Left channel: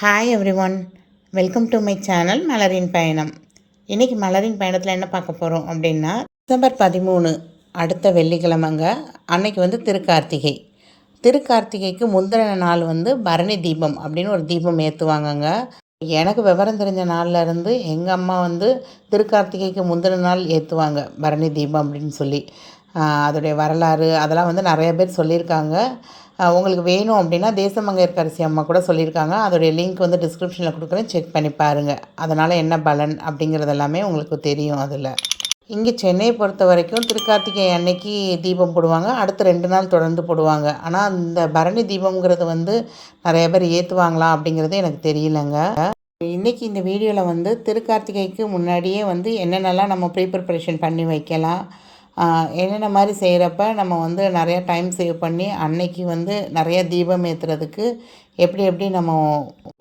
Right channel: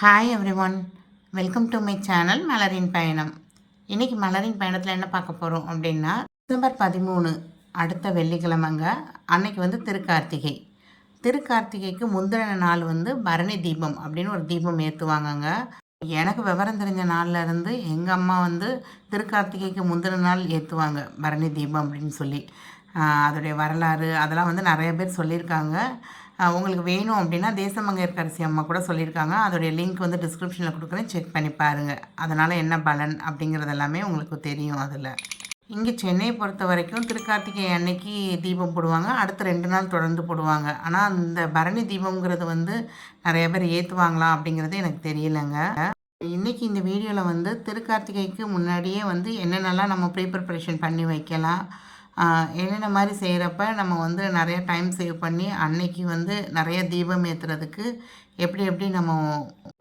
Hi everyone, welcome to my channel மலரின் பயணம். இன்றைக்கி மலரின் பயணத்தில் என்ன பார்க்க போகிறோம் அப்படின்னா, டிசம்பர் 13 அடுத்த வெள்ளிக்கிழமைங்க. அன்னைக்கு வந்து திருக்கார்த்திகை. திருக்கார்த்திகைக்கு முந்தின நாள் வந்து பரணி தீபம் அப்படின்னு ஒரு தீபம் ஏற்றுவாங்கங்க. எனக்கு விவரம் தெரிஞ்ச நாளில் இருந்து எங்கள் அம்மா வந்து திருக்கார்த்திகைக்கு முந்தின நாள் ஏற்றுவாங்க பரணி தீபம் அப்படின்னு சொல்லி. அதோடைய வரலாறு அதெல்லாம் வந்து நிறைய பேர் சொல்லியிருக்காங்க. உங்களுக்கு வேணும் அப்படின்னா தேசமங்கையர்க்கரசி அம்மா கூட சொல்லியிருக்காங்க. அதோடைய லிங்க் வந்து டிஸ்கிரிப்ஷனில் கொடுக்குறேன், செக் பண்ணி பாருங்கள். அதனால் என்ன பலன் அப்படிங்கிறது எல்லாமே உங்களுக்கு தெரியும். அதில் இங்கே சென்னையை பொறுத்த வரைக்கும் திருக்கார்த்திகை அன்னைக்கு தீபம் போடுவாங்க. அடுத்து 2 நாள் தொடர்ந்து போடுவாங்க. ஆனால் அந்த பரணி தீபம்ங்கிறது வந்து நிறைய பேர் ஏற்றுவாங்களா அப்படிங்கிறது எனக்கு தெரியலங்க. இன்றைக்கி இந்த வீடியோவில் வந்து திருக்கார்த்திகைக்கு முன்னாடியே வந்து என்னென்னலாம் நம்ம ப்ரிப்பரேஷன் பண்ணி வைக்கலாம், என்னென்ன மாதிரி செய்கிறப்ப நம்ம வந்து நிறையா டைம் சேவ் பண்ணி அன்னைக்கு வந்து நிறைய தீபம் ஏற்றுறதுக்கு எப்படி எப்படி நம்ம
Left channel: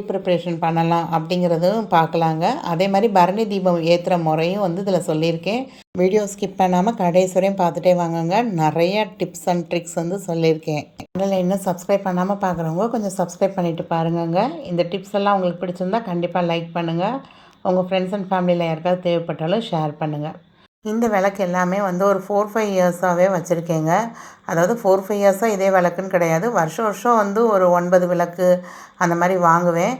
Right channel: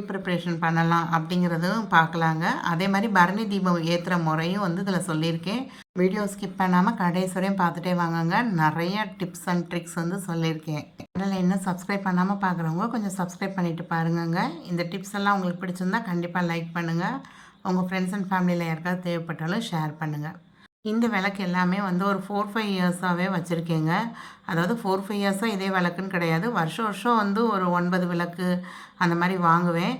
ப்ரிப்பரேஷன் பண்ணலாம் அப்படிங்கிறதும் பார்க்கலாங்க. அதே மாதிரி பரணி தீபம் ஏற்றுற முறையும் வந்து இதில் சொல்லியிருக்கேன். வீடியோ ஸ்கிப் பண்ணாமல் கடைசி வரையும் பார்த்துட்டே வாங்கங்க. நிறைய டிப்ஸ் அண்ட் ட்ரிக்ஸ் வந்து சொல்லியிருக்கேன். சேனலை இன்னும் சப்ஸ்கிரைப் பண்ணாமல் பார்க்குறவங்க கொஞ்சம் சப்ஸ்கிரைப் பண்ணிவிட்டு பாருங்கங்க. இந்த டிப்ஸ் எல்லாம் உங்களுக்கு பிடிச்சிருந்தா கண்டிப்பாக லைக் பண்ணுங்கள். உங்கள் ஃப்ரெண்ட்ஸ் அண்ட் ஃபேமிலியில் யாருக்காவது தேவைப்பட்டாலும் ஷேர் பண்ணுங்கள். இந்த விளக்கு எல்லாமே வந்து ஒரு 4-5 இயர்ஸாகவே வச்சுருக்கேங்க. அதாவது 4-5 இயர்ஸாக இதே விளக்குன்னு கிடையாது. வருஷம் வருஷம் வந்து ஒரு 9 விளக்கு அந்த மாதிரி வாங்குவேன்.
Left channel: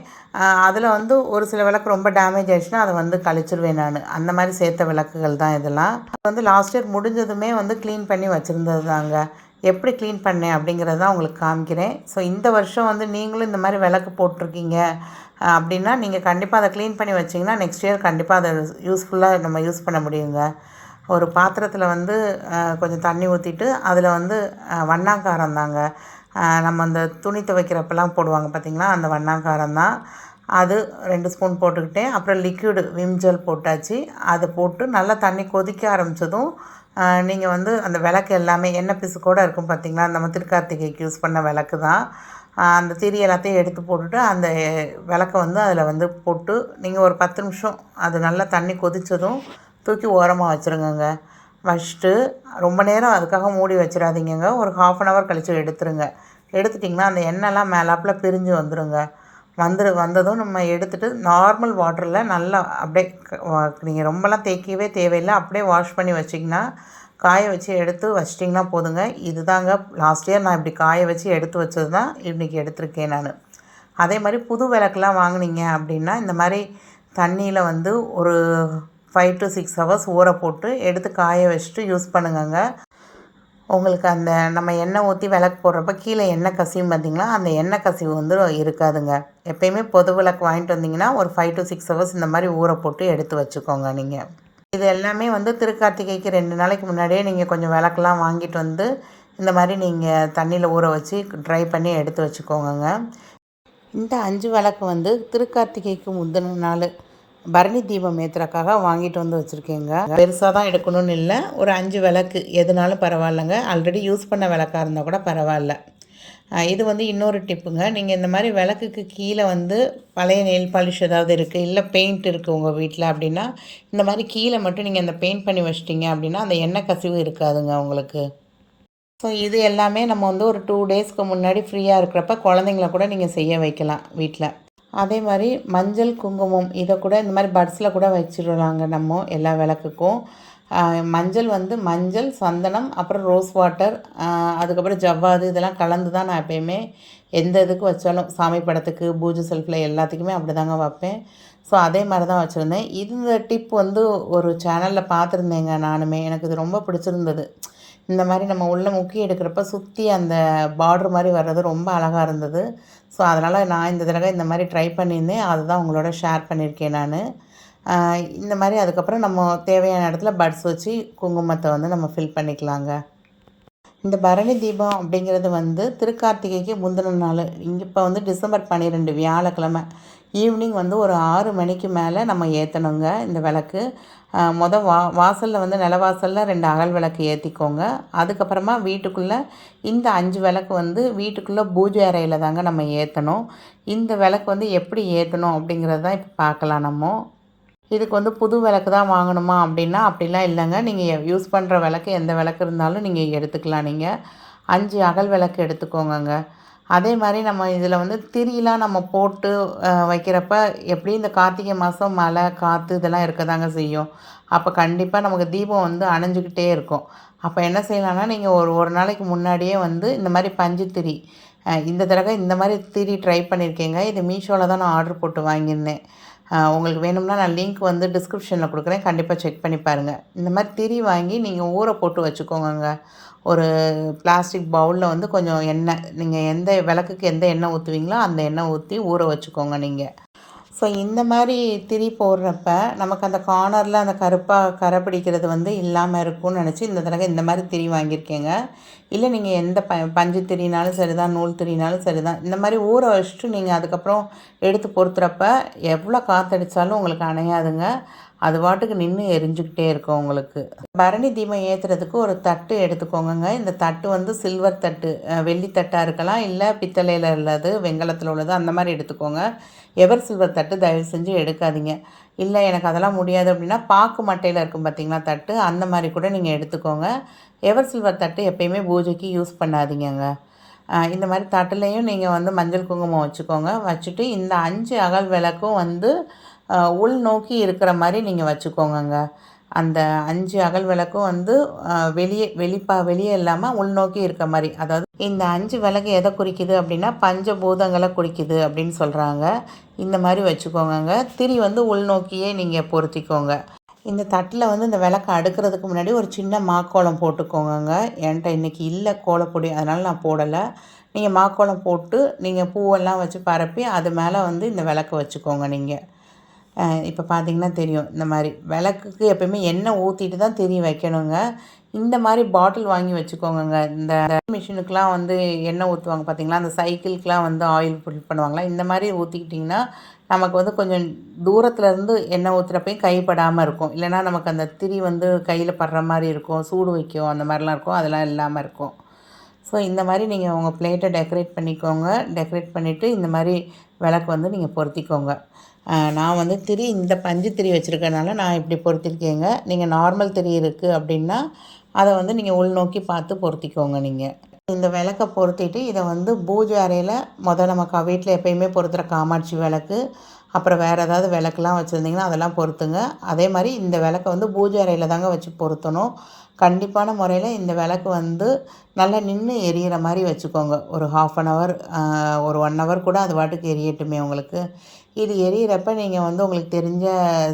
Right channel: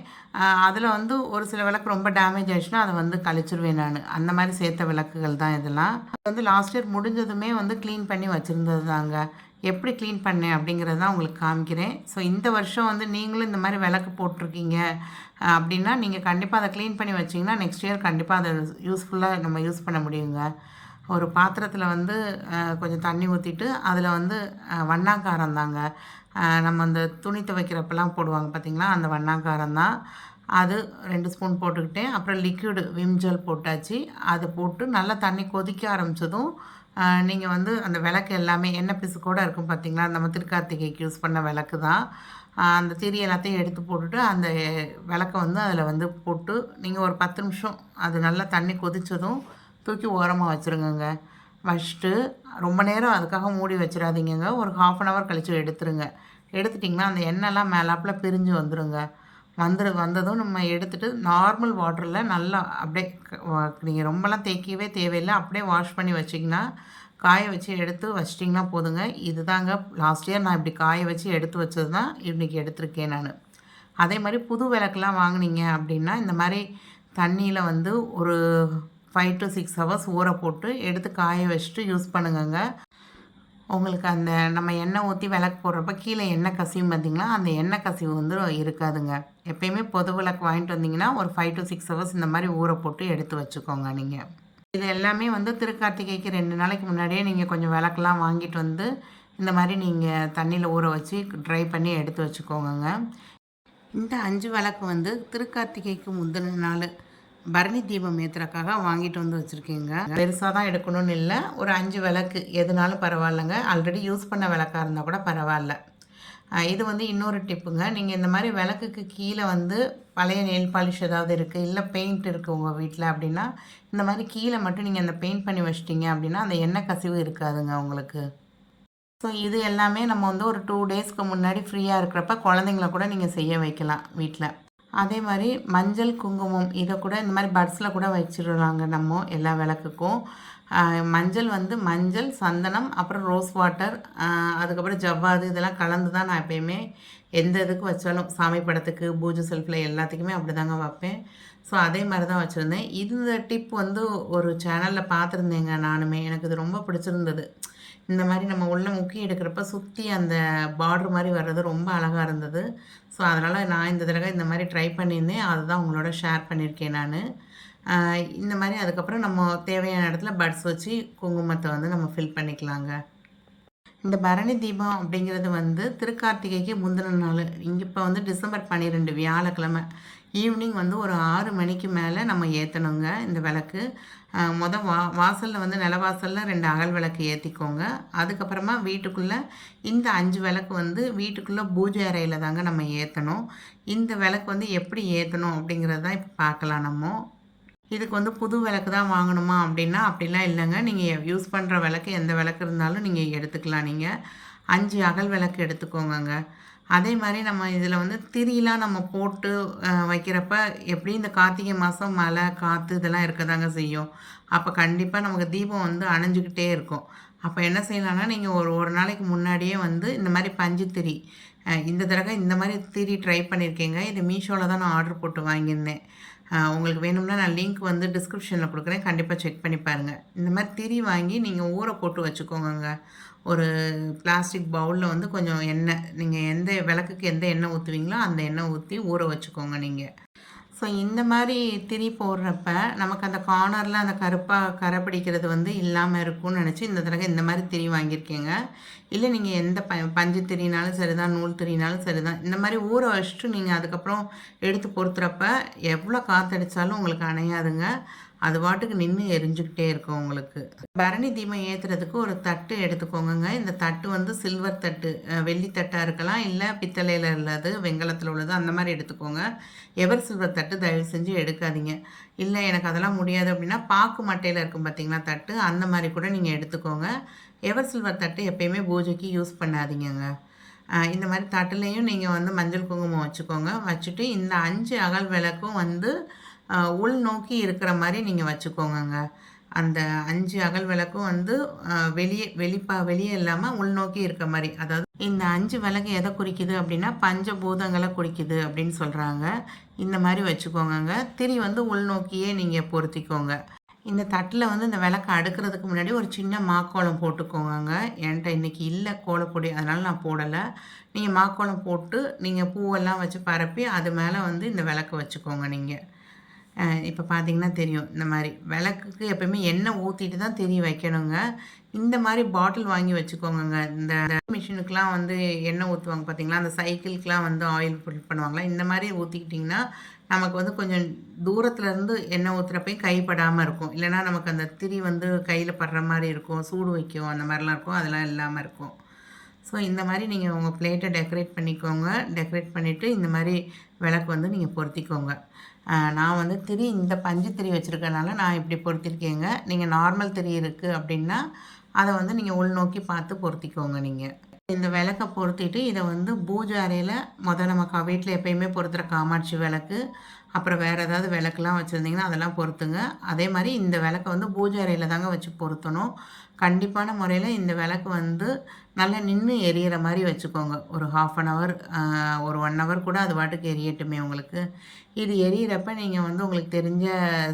அதில் வந்து ஒரு சில விளக்கு ரொம்ப டேமேஜ் ஆகிடுச்சுன்னா அதை வந்து கழிச்சிருவேன் நான். அந்த மாதிரி சேர்த்த விளக்குகள் தான் இதெல்லாம். வந்து லாஸ்ட் இயர் முடிஞ்சதுமே வந்து க்ளீன் பண்ணி வச்சுருந்தது தாங்க. எப்படி க்ளீன் பண்ணேன் அப்படிங்கிறத தான் உங்களுக்கு காமிக்கிறேன். ஸோ இந்த வருஷம் வந்து நீங்களும் இந்த மாதிரி விளக்கு போட்டிருக்கீங்க அப்படின்னா நீங்கள் கண்டிப்பாக அதை க்ளீன் பண்ணி வச்சிங்கன்னா நெக்ஸ்ட் இயர் கண்டிப்பாக அதை யூஸ்ஃபுல்லாக நம்ம யூஸ் பண்ண முடியுங்க. ஒரு பாத்திரத்தில் வந்து கொஞ்சம் தண்ணி ஊற்றிட்டு அதில் வந்து வண்ணாங்காரம் தாங்க. நம்ம அந்த துணி துவைக்கிறப்பெல்லாம் போடுவாங்க பார்த்திங்களா, அந்த வண்ணாங்காரம் தான். அது 2 ஸ்பூன் போட்டுக்கிட்டேன். அப்புறம் லிக்விடு விம் ஜெல் போட்டாச்சு. அதை போட்டு நல்லா தண்ணி கொதிக்க ஆரம்பித்ததும் நீங்கள் வந்து அந்த விளக்கு எல்லாமே எண்ணெய் பிசுக்கோடு இருக்கும் பார்த்திங்களா, நம்ம திருக்கார்த்திகைக்கு யூஸ் பண்ண விளக்கு தான். அந்த திரி எல்லாத்தையும் எடுத்து போட்டுட்டு அந்த விளக்கை வந்து அதில் வந்து போட்டு நீங்கள் ஒரு 10 நிமிஷம் அது நல்லா தண்ணி கொதித்ததும் தூக்கி ஓரமாக வச்சுருங்கங்க. வச்சுட்டு ரொம்ப நேரம் அதுக்காக மூடி வச்சிடாதீங்கங்க. ஒரு 1/2 hour கழித்து எடுத்துருங்க. எடுத்துட்டிங்கன்னா அந்த எண்ணெய்லாம் மேலாப்பில் பிரிஞ்சு வந்துடுங்க. வந்ததும் நம்ம எடுத்துகிட்டு நார்மல் வாட்டரில் நல்லா அப்படியே நீங்கள் ரொம்பலாம் தேய்க்கவே தேவையில்லை. அப்படியே வாஷ் பண்ணி வச்சிங்கன்னா காய வச்சு எடுத்து வச்சிட்டிங்கன்னா போதுங்க. இது தாங்க லாஸ்ட் இயர் நான் இப்படி காய வச்சு எடுத்து வச்சது தான் இன்றைக்கி எடுத்திருக்கேன் நான். அதே மாதிரி புது விளக்குலாம் வாங்கினீங்க அப்படின்னா இந்த மாதிரி தண்ணியில் வந்து ஒரு 5 to 6 hours ஊற போட்டு எடுத்து காய வச்சுட்டு யூஸ் பண்ணுங்கங்க. உங்களுக்கு அந்த நம்ம எண்ணெய் ஊற்றி விளக்கு போடுறப்ப கீழே எண்ணெய் கசியும் பார்த்திங்களா, அந்த எண்ணெய் கசிவு வந்து இருக்காதுங்க. எப்போயுமே பொது விளக்கு வாங்கிட்டு வந்தீங்கன்னா ஒரு 5 to 6 hours இந்த மாதிரி ஊற போட்டு எடுத்து வச்சுக்கோங்க நீங்கள். இது எல்லாமே வந்து திருக்கார்த்திகைக்கு 2 நாளைக்கு முன்னாடியே நீங்கள் கொஞ்சம் விளக்கெலாம் வாங்கிட்டு வந்து இந்த மாதிரி நீங்கள் தண்ணியில் ஊற வச்சு ட்ரை பண்ணி எடுத்து வச்சுக்கோங்க. இந்த 5 விளக்கு வந்து திருக்கார்த்திகைக்கு முந்தின நாள் பரணி தீபம் ஏற்றுறக்காக வாங்கிட்டு வந்து வச்சுருக்கேங்க. பெருசாக தான் எடுக்கணும்னு இல்லை, ஒரு 5 விளக்கு எதுனாலும் பரவாயில்லைங்க. ஆல்ரெடி யூஸ் பண்ண விளக்காக இருந்தால் கூட பரவாயில்ல. இது வந்து இன்னொரு டிப்புங்க. நீங்கள் இந்த மாதிரி விளக்குக்கு கீழே வந்து பழைய நெயில் பாலிஷ் ஏதாவது இருக்குது, இல்லை பெயிண்ட் இருக்குது உங்கள் வீட்டில் அப்படின்னா இந்த மாதிரி கீழே மட்டும் நீங்கள் அந்த பெயிண்ட் பண்ணி வச்சிட்டிங்க அப்படின்னா அந்த எண்ணெய் கசிவு இருக்காதுங்க உங்களுக்கு. ஸோ இது எல்லாமே நம்ம வந்து ஒரு 2 டேஸ்க்கு முன்னாடி ஃப்ரீயாக இருக்கிறப்ப குழந்தைங்கள கூட நீங்கள் செய்ய வைக்கலாம் வீட்டில். அதே மாதிரி மஞ்சள் குங்குமம் இதை கூட இந்த மாதிரி பட்ஸில் கூட வச்சிடலாங்க நம்ம எல்லா விளக்குக்கும். மஞ்சள் வந்து மஞ்சள், சந்தனம், அப்புறம் ரோஸ் வாட்டர், அதுக்கப்புறம் ஜவ்வாது இதெல்லாம் கலந்து தான் நான் எப்போயுமே எந்த இதுக்கு வச்சாலும் சாமி படத்துக்கு பூஜை செல்ஃபில் எல்லாத்துக்குமே அப்படி தாங்க வைப்பேன். ஸோ அதே மாதிரி தான் வச்சுருந்தேன். இந்த டிப் வந்து ஒரு சேனலில் பார்த்துருந்தேங்க நானுமே. எனக்கு இது ரொம்ப பிடிச்சிருந்தது. இந்த மாதிரி நம்ம உள்ளே முக்கி எடுக்கிறப்ப சுற்றி அந்த பார்ட்ரு மாதிரி வர்றது ரொம்ப அழகாக இருந்தது. ஸோ அதனால் நான் இந்த தடவை இந்த மாதிரி ட்ரை பண்ணியிருந்தேன். அதுதான் உங்களோட ஷேர் பண்ணியிருக்கேன் நான். இந்த மாதிரி அதுக்கப்புறம் நம்ம தேவையான இடத்துல பட்ஸ் வச்சு குங்குமத்தை வந்து நம்ம ஃபில் பண்ணிக்கலாங்க. இந்த பரணி தீபம் அப்படிங்கிறது வந்து திருக்கார்த்திகைக்கு முந்தின நாள். இப்போ வந்து டிசம்பர் 12 வியாழக்கிழமை ஈவினிங் வந்து ஒரு 6 மணிக்கு மேலே நம்ம ஏற்றணுங்க இந்த விளக்கு. வாசலில் வந்து நிலவாசலில் 2 அகல் விளக்கு ஏற்றிக்கோங்க. அதுக்கப்புறமா வீட்டுக்குள்ளே இந்த 5 விளக்கு வந்து வீட்டுக்குள்ளே பூஜை அறையில் தாங்க நம்ம ஏற்றணும். இந்த விளக்கு வந்து எப்படி ஏற்றணும் அப்படிங்கிறது தான் இப்போ பார்க்கலாம் நம்ம. இதுக்கு வந்து புது விளக்கு தான் வாங்கணுமா அப்படின்னா அப்படிலாம் இல்லைங்க. நீங்கள் யூஸ் பண்ணுற விளக்கு எந்த விளக்கு இருந்தாலும் நீங்கள் எடுத்துக்கலாம். நீங்கள் 5 அகல் விளக்கு எடுத்துக்கோங்கங்க. அதே மாதிரி நம்ம இதில் வந்து திரிலாம் நம்ம போட்டு வைக்கிறப்ப எப்படி இந்த கார்த்திகை மாதம் மழை காற்று இதெல்லாம் இருக்க தாங்க செய்யும். அப்போ கண்டிப்பாக நமக்கு தீபம் வந்து அணைஞ்சிக்கிட்டே இருக்கும். அப்போ என்ன செய்யலாம்னா, நீங்கள் ஒரு ஒரு நாளைக்கு முன்னாடியே வந்து இந்த மாதிரி பஞ்சு திரி இந்த தடவை இந்த மாதிரி திரி ட்ரை பண்ணியிருக்கேங்க. இது மீஷோவில் தான் நான் ஆர்டர் போட்டு வாங்கியிருந்தேன். உங்களுக்கு வேணும்னா நான் லிங்க் வந்து டிஸ்கிரிப்ஷனில் கொடுக்குறேன். கண்டிப்பாக செக் பண்ணி பாருங்கள். இந்த மாதிரி திரி வாங்கி நீங்கள் ஊற போட்டு வச்சுக்கோங்கங்க. ஒரு பிளாஸ்டிக் பவுலில் வந்து கொஞ்சம் எண்ணெய், நீங்கள் எந்த விளக்குக்கு எந்த எண்ணெய் ஊற்றுவீங்களோ அந்த எண்ணெய் ஊற்றி ஊற வச்சுக்கோங்க நீங்கள். ஸோ இந்த மாதிரி திரி போடுறப்ப நமக்கு அந்த கார்னரில் அந்த கருப்பாக கரை பிடிக்கிறது வந்து இல்லாமல் இருக்கும்னு நினச்சி இந்த தடவை இந்த மாதிரி திரி வாங்கியிருக்கேங்க. இல்லை நீங்கள் எந்த பஞ்சு திரினாலும் சரி தான், நூல் திரினாலும் சரி தான், இந்த மாதிரி ஊற வச்சுட்டு நீங்கள் அதுக்கப்புறம் எடுத்து பொறுத்துறப்ப எவ்வளோ காற்றடிச்சாலும் உங்களுக்கு அணையாதுங்க. அது பாட்டுக்கு நின்று எரிஞ்சுக்கிட்டே இருக்கும் உங்களுக்கு. பரணி தீபம் ஏற்றுறதுக்கு ஒரு தட்டு எடுத்துக்கோங்க. இந்த தட்டு வந்து சில்வர் தட்டு, வெள்ளி தட்டாக இருக்கலாம், இல்லை பித்தளையில் உள்ளது, வெண்கலத்தில் உள்ளது, அந்த மாதிரி எடுத்துக்கோங்க. எவர் சில்வர் தட்டு தயவு செஞ்சு எடுக்காதீங்க. இல்லை எனக்கு அதெல்லாம் முடியாது அப்படின்னா பாக்கு மட்டையில் இருக்கும் பார்த்திங்களா தட்டு, அந்த மாதிரி கூட நீங்கள் எடுத்துக்கோங்க. எவர் சில்வர் தட்டு எப்பயுமே பூஜைக்கு யூஸ் பண்ணாதீங்கங்க. இந்த மாதிரி தட்டுலேயும் நீங்கள் வந்து மஞ்சள் குங்குமம் வச்சுக்கோங்க. வச்சுட்டு இந்த 5 அகல் விளக்கும் வந்து உள்நோக்கி இருக்கிற மாதிரி நீங்கள் வச்சுக்கோங்கங்க. அந்த 5 அகல் விளக்கும் வந்து வெளியே இல்லாமல் உள்நோக்கி இருக்க மாதிரி. அதாவது இந்த 5 விளக்கு எதை குறிக்குது அப்படின்னா பஞ்சபூதங்களை குறிக்குது அப்படின்னு சொல்கிறாங்க. இந்த மாதிரி வச்சுக்கோங்கங்க. திரி வந்து உள்நோக்கியே நீங்கள் பொருத்திக்கோங்க. இந்த தட்டில் வந்து இந்த விளக்க அடுக்கிறதுக்கு முன்னாடி ஒரு சின்ன மாக்கோலம் போட்டுக்கோங்கங்க. என்கிட்ட இன்றைக்கி இல்லை கோலப்பொடி, அதனால் நான் போடலை. நீங்கள் மாக்கோலம் போட்டு நீங்கள் பூவெல்லாம் வச்சு பரப்பி அது மேலே வந்து இந்த விளக்க வச்சுக்கோங்க நீங்கள். இப்போ பார்த்தீங்கன்னா தெரியும். இந்த மாதிரி விளக்குக்கு எப்பயுமே எண்ணெய் ஊற்றிட்டு தான் திரி வைக்கணுங்க. இந்த மாதிரி பாட்டில் வாங்கி வச்சுக்கோங்கங்க. இந்த மிஷினுக்கெலாம் வந்து எண்ணெய் ஊற்றுவாங்க பார்த்தீங்களா, அந்த சைக்கிளுக்கெலாம் வந்து ஆயில் ஃபில் பண்ணுவாங்களா, இந்த மாதிரி ஊற்றிக்கிட்டிங்கன்னா நமக்கு வந்து கொஞ்சம் தூரத்துலேருந்து எண்ணெய் ஊற்றுறப்பையும் கைப்படாமல் இருக்கும். இல்லைனா நமக்கு அந்த திரி வந்து கையில் படுற மாதிரி இருக்கும், சூடு வைக்கும், அந்த மாதிரிலாம் இருக்கும். அதெல்லாம் இல்லாமல் இருக்கும். ஸோ இந்த மாதிரி நீங்கள் உங்கள் பிளேட்டை டெக்கரேட் பண்ணிக்கோங்க. டெக்கரேட் பண்ணிவிட்டு இந்த மாதிரி விளக்கு வந்து நீங்கள் பொருத்திக்கோங்க. நான் வந்து திரி இந்த பஞ்சு திரி வச்சுருக்கனால நான் இப்படி பொருத்திருக்கேங்க. நீங்கள் நார்மல் திரி இருக்குது அப்படின்னா அதை வந்து நீங்கள் உள்நோக்கி பார்த்து பொருத்திக்கோங்க நீங்கள். இந்த விளக்க பொருத்திட்டு இதை வந்து பூஜை அறையில் நம்ம வீட்டில் எப்பயுமே பொருத்துகிற காமாட்சி விளக்கு, அப்புறம் வேறு ஏதாவது விளக்குலாம் வச்சுருந்திங்கன்னா அதெல்லாம் பொருத்துங்க. அதே மாதிரி இந்த விளக்கை வந்து பூஜை அறையில் தாங்க வச்சு பொருத்தணும். கண்டிப்பான முறையில் இந்த விளக்கு வந்து நல்லா நின்று எரியிற மாதிரி வச்சுக்கோங்க. ஒரு 1/2 அன் ஹவர், ஒரு 1 ஹவர் கூட அது பாட்டுக்கு எரியட்டுமே உங்களுக்கு. இது எரியிறப்ப நீங்கள் வந்து உங்களுக்கு தெரிஞ்ச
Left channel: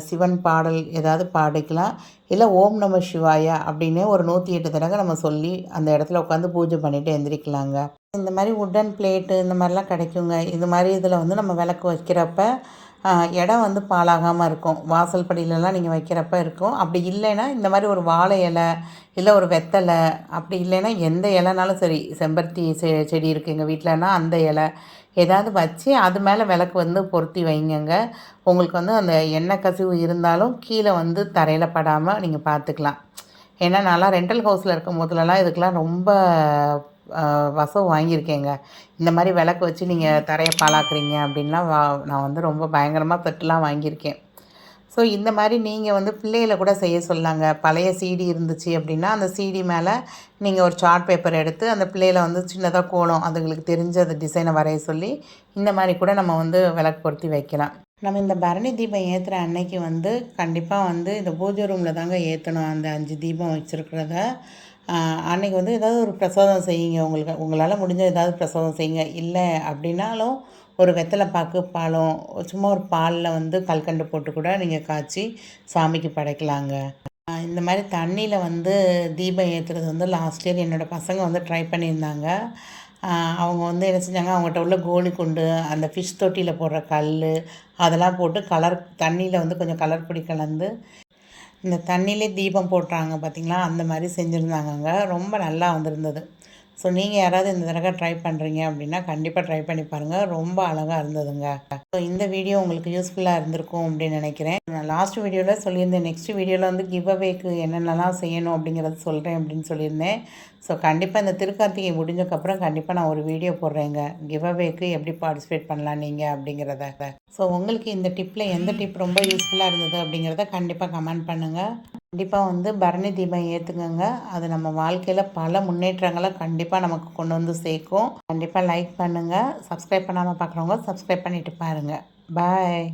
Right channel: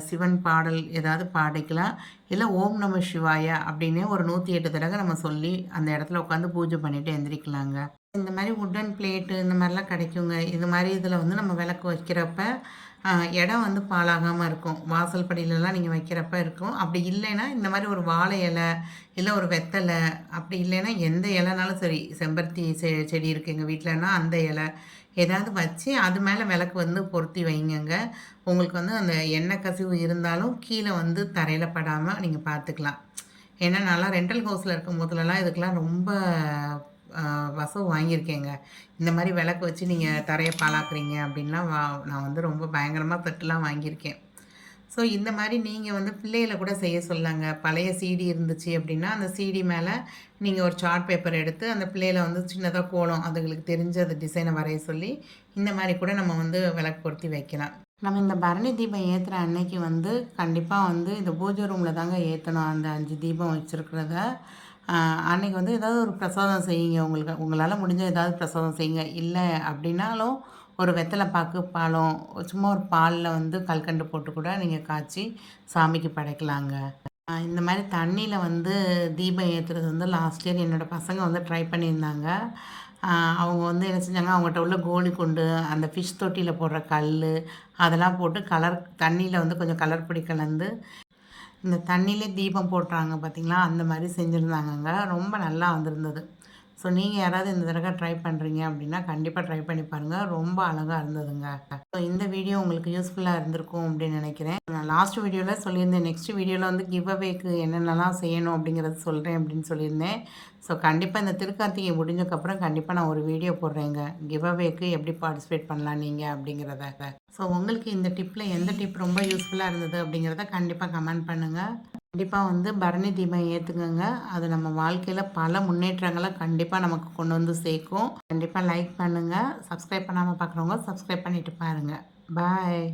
சிவன் பாடல் ஏதாவது பாடிக்கலாம். இல்லை ஓம் நம சிவாயா அப்படின்னு ஒரு 108 தடவை நம்ம சொல்லி அந்த இடத்துல உட்காந்து பூஜை பண்ணிவிட்டு எந்திரிக்கலாங்க. இந்த மாதிரி உட்டன் பிளேட்டு இந்த மாதிரிலாம் கிடைக்குங்க. இது மாதிரி இதில் வந்து நம்ம விளக்கு வைக்கிறப்ப இடம் வந்து பாழாகாமல் இருக்கும். வாசல் படியிலலாம் நீங்கள் வைக்கிறப்ப இருக்கும். அப்படி இல்லைன்னா இந்த மாதிரி ஒரு வாழை இலை, இல்லை ஒரு வெத்தலை, அப்படி இல்லைன்னா எந்த இலைனாலும் சரி, செம்பருத்தி செடி இருக்குது எங்கள் வீட்டிலனா அந்த இலை ஏதாவது வச்சு அது மேலே விளக்கு வந்து பொருத்தி வைங்கங்க. உங்களுக்கு வந்து அந்த எண்ணெய் கசிவு இருந்தாலும் கீழே வந்து தரையில் படாமல் நீங்கள் பார்த்துக்கலாம். ஏன்னா நான்லாம் ரெண்டல் ஹவுஸில் இருக்கும் போதுலலாம் இதுக்கெலாம் ரொம்ப வசவு வாங்கியிருக்கேங்க. இந்த மாதிரி விளக்கு வச்சு நீங்கள் தரையை பாழாக்குறீங்க அப்படின்லாம் நான் வந்து ரொம்ப பயங்கரமாக தட்டுலாம் வாங்கியிருக்கேன். ஸோ இந்த மாதிரி நீங்கள் வந்து பிள்ளைகளை கூட செய்ய சொல்லாங்க. பழைய சிடி இருந்துச்சு அப்படின்னா அந்த சிடி மேலே நீங்கள் ஒரு சார்ட் பேப்பர் எடுத்து அந்த பிள்ளைகளை வந்து சின்னதாக கோலம் அதுங்களுக்கு தெரிஞ்ச அந்த டிசைனை வரைய சொல்லி இந்த மாதிரி கூட நம்ம வந்து விளக்கு பொருத்தி வைக்கலாம். நம்ம இந்த பரணி தீபம் ஏற்றுற அன்னைக்கு வந்து கண்டிப்பாக வந்து இந்த பூஜை ரூமில் தாங்க ஏற்றணும். அந்த 5 தீபம் வச்சுருக்கிறத அன்றைக்கி வந்து ஏதாவது ஒரு பிரசாதம் செய்யுங்க. உங்களால் முடிஞ்ச ஏதாவது பிரசாதம் செய்யுங்க. இல்லை அப்படின்னாலும் ஒரு வெத்தலை பாக்கு பழம் சும்மா ஒரு பாலில் வந்து கல்கண்டு போட்டு கூட நீங்கள் காய்ச்சி சாமிக்கு படைக்கலாங்க. இந்த மாதிரி தண்ணியில் வந்து தீபம் ஏற்றுறது வந்து லாஸ்ட் இயர் என்னோடய பசங்க வந்து ட்ரை பண்ணியிருந்தாங்க. அவங்க வந்து என்ன செஞ்சாங்க, அவங்ககிட்ட உள்ள கோலி குண்டு, அந்த ஃபிஷ் தொட்டியில் போடுற கல் அதெல்லாம் போட்டு தண்ணியில் வந்து கொஞ்சம் கலர் பொடி கலந்து இந்த தண்ணியிலே தீபம் போட்டுறாங்க பார்த்திங்களா, அந்த மாதிரி செஞ்சுருந்தாங்கங்க. ரொம்ப நல்லா வந்திருந்தது. ஸோ நீங்கள் யாராவது இந்த தடவை ட்ரை பண்ணுறீங்க அப்படின்னா கண்டிப்பாக ட்ரை பண்ணி பாருங்கள். ரொம்ப அழகாக இருந்ததுங்க. ஸோ இந்த வீடியோ உங்களுக்கு யூஸ்ஃபுல்லாக இருந்திருக்கும் அப்படின்னு நினைக்கிறேன். நான் லாஸ்ட் வீடியோவில் சொல்லியிருந்தேன், நெக்ஸ்ட் வீடியோவில் வந்து கிவ் அவேக்கு என்னென்னலாம் செய்யணும் அப்படிங்கிறது சொல்கிறேன் அப்படின்னு சொல்லியிருந்தேன். ஸோ கண்டிப்பாக இந்த திருக்கார்த்திகை முடிஞ்சக்கப்புறம் கண்டிப்பாக நான் ஒரு வீடியோ போடுறேங்க, கிவ் அவேக்கு எப்படி பார்ட்டிசிபேட் பண்ணலாம் நீங்கள் அப்படிங்கிறத. ஸோ உங்களுக்கு இந்த டிப்பில் எந்த டிப் ரொம்ப யூஸ்ஃபுல்லாக இருந்தது அப்படிங்கிறத கண்டிப்பாக கமெண்ட் பண்ணுங்கள். கண்டிப்பாக வந்து பரணி தீபம் ஏற்றுங்கங்க. அது நம்ம வாழ்க்கையில் பல முன்னேற்றங்களை கண்டிப்பாக நமக்கு கொண்டு வந்து சேர்க்கும். கண்டிப்பாக லைக் பண்ணுங்கள். சப்ஸ்கிரைப் பண்ணாமல் பார்க்குறவங்க சப்ஸ்கிரைப் பண்ணிவிட்டு பாருங்கள். பாய்.